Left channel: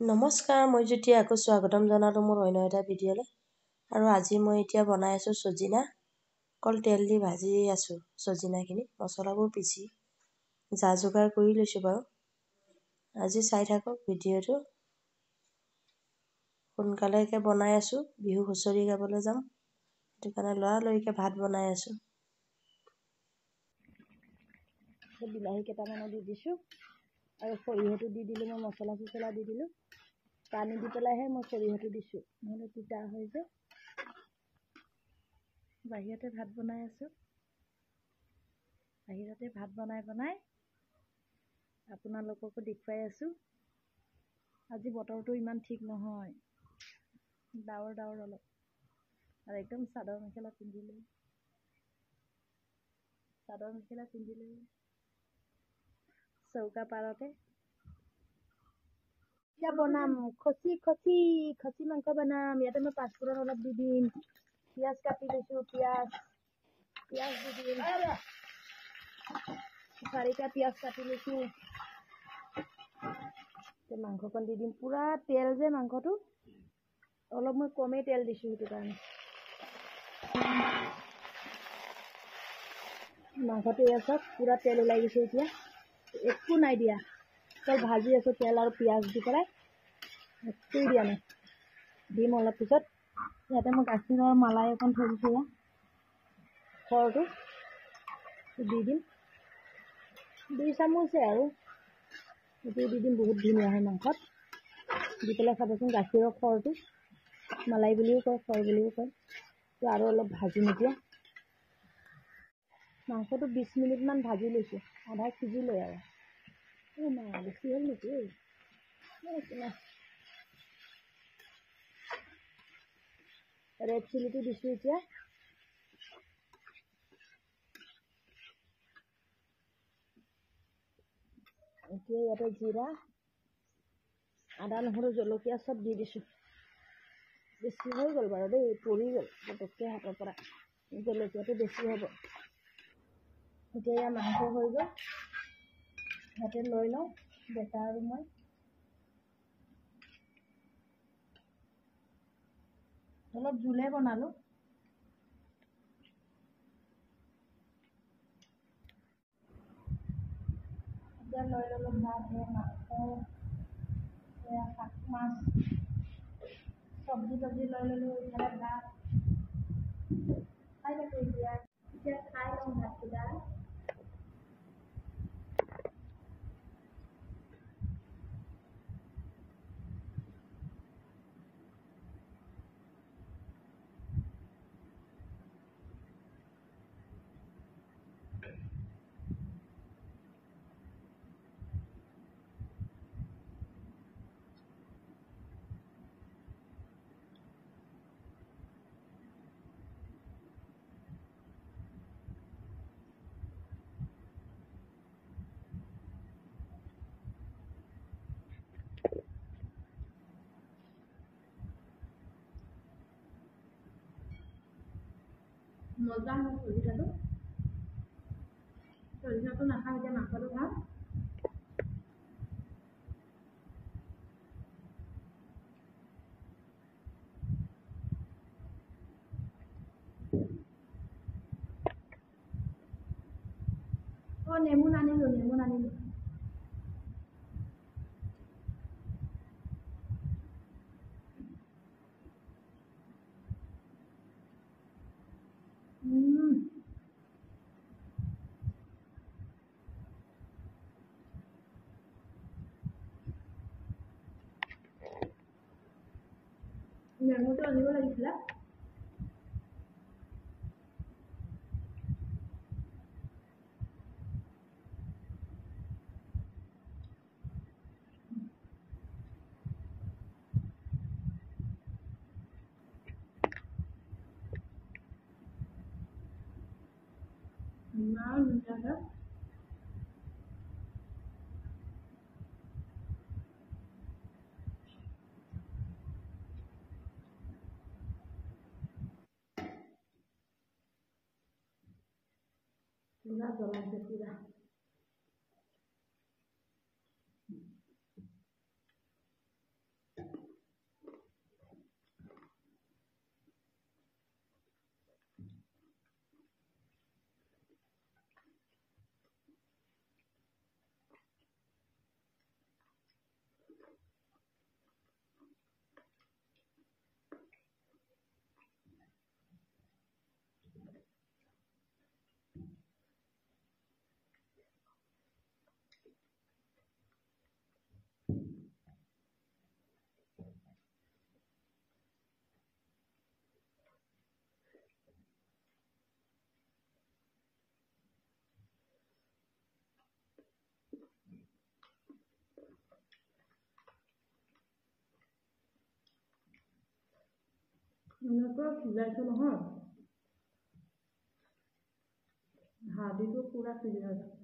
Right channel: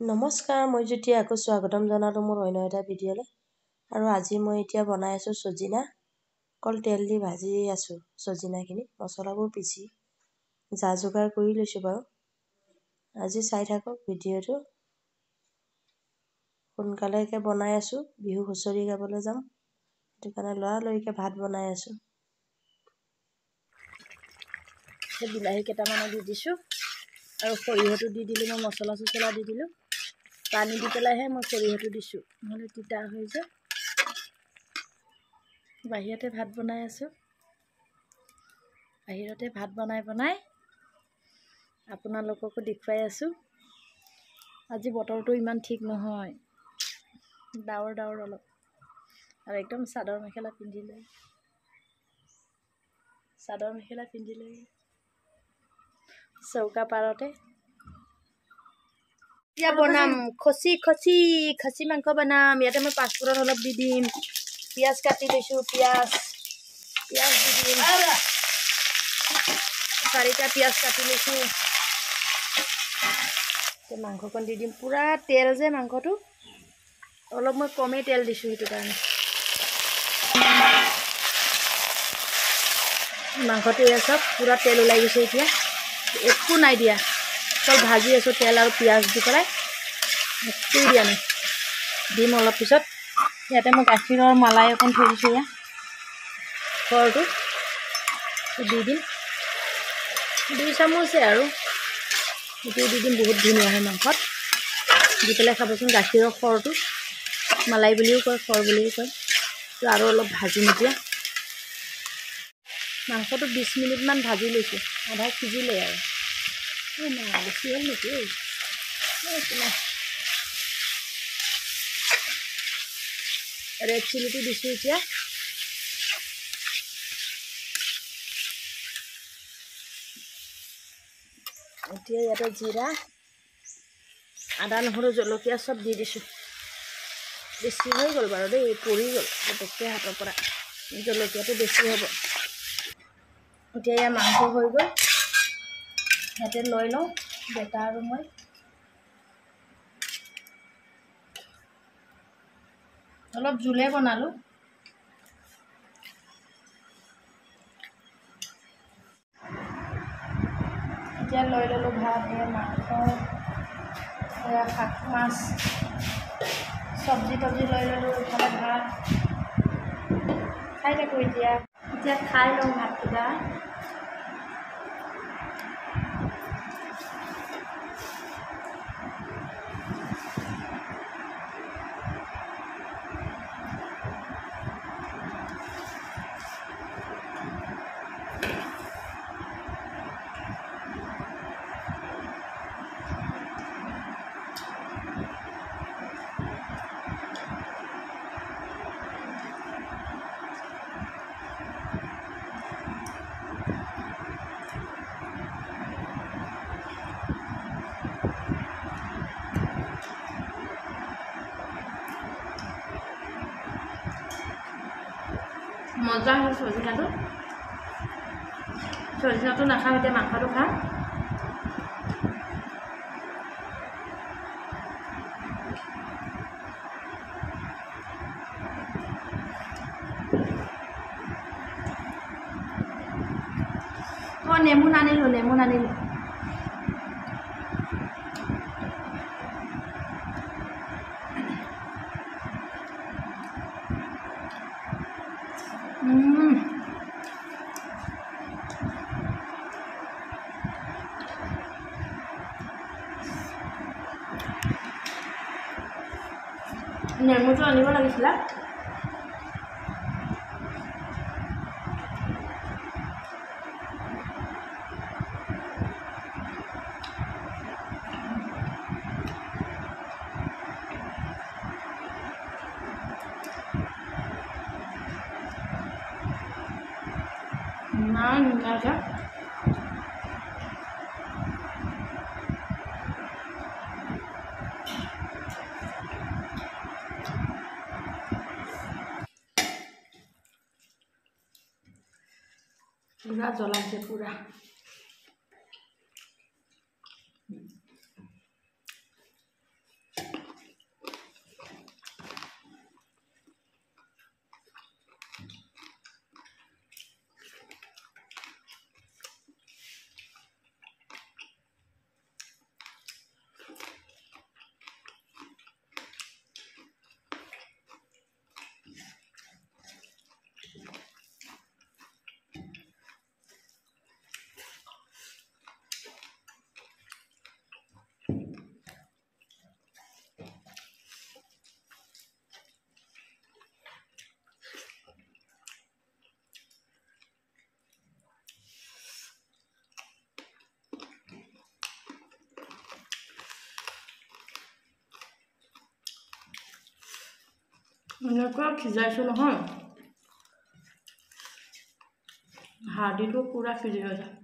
নমস্কাৰ, মই জ্যোতি আকৌ স্বাগতম জনালোঁ মোৰ অন্য এটা ভিডিঅ'লৈ। আৰু আজি মই এতিয়া বনাই আছোঁ চজিনা। অকল তেল দি ভাজি আছোঁ চজিনাখিনি। মছলাবোৰ পিচি যা যোগাৰ কৰি লৈছোঁ বাৰু। আজি চাই থাকক ভিডিঅ'টো। সোনকালেকৈ বনাই আছোঁ, বিহু হুঁচৰি গাবলৈ যাম। সেইটো কাৰণে লৰালৰিকৈ ভাত বনাই আছোঁ। বিলাহী কেইটামানো দি দিছোঁ আৰু সৰিয়হটো দি দিলোঁ। মই মছলা চছলা দি দিলোঁ। পানী দি পেলাইহে মই সৰিয়হটো দিছোঁ, নহ'লে তিতা হৈ যায়। বাহিৰতে ভাত বনাই আছোঁ। বাহিৰতে ভাত বনাই আপোনালোককো দেখুৱাই আছোঁ। আজি বতৰটো ইমান ঠিক নহয়, ডাৱৰ অলপ, আৰু একদম চাদৰ মেখেলা পিন্ধি লৈ চৌকা পাৰতে এতিয়া বনাম খচি মাংস বনাম। ইয়াতে মই পাঁচফোৰণ অলপ দি দিম, পিঁয়াজ কাটি লৈছোঁ। পিঁয়াজ দি দিম, 4টা পিঁয়াজ কাটি লৈছোঁ। মাংসকণ দি দিম। পূৰা তেল যে মাংসটো, অলপ মই কমেই তেল দিছোঁ, সেইটো কাৰণে মাংসটো এয়া চব পূৰা তেল ওলাই গৈছে। এতিয়া একো নাই দিয়া, অকল ভাজি আছোঁ তেল আৰু পিঁয়াজ দি পেলাই। একোৱেই দিয়া নাই, দিম অলপ পিছত। ইয়াতে মই গাখীৰৰ মালাই অকণ থৈ দিছোঁ। এয়া খৰটো দি দিম, 2 চামুচে আৰু এইটো দি দিম। বহুত ধুনীয়া হয় মাংসত দি পেলাই খাবচোন। গাখীৰৰ খৰটো মালাই বুলিও কয়, খৰ বুলিও কয়। আৰু অলপ ভাজি নিদিয়া মাংসটো 20 মিনিটমান ভাজি লৈছোঁ। আধা সিজিলে আৰু বেছি হ'ল নেকি? ৰেড চিলিটো দিছোঁ এতিয়া। ইয়াতে জিৰা, আদা, নহৰু, জলকীয়া চব দি দিছোঁ। বেছি হৈ গ'ল বাৰু দেই, পৰি গ'ল পটককৈ হাতৰ পৰা। জলকীয়াটো বেছি হ'ব। এতিয়া এয়া মাংস হৈ গ'ল, ইয়াতে লৈ লওঁ বেটা আৰু মই। অলপ জোলে বনালোঁ। এতিয়া লৈ ল'লোঁ ভাত, এয়া মাংস, এয়া শাক মাছ, চব্জি তব্জি লৈ ল'লোঁ। ইফালে ভাত খাই থাকোঁ। এতিয়া খাই লওঁ ভাতকেইটা। মজা হ'ল চজিনাটো নাখাওঁ, এতিয়া মাংসটো খাম। নেমু নানিলোঁ। নেমুটো আনিব লাগিছিলে। ইমান ধুনীয়াকৈ পুৰা জ্বলাইছে পুৰা। এনেকুৱা সিজাইছোঁ নহয়, হাৰ্ডিটো পুৰা সিজি গৈছে।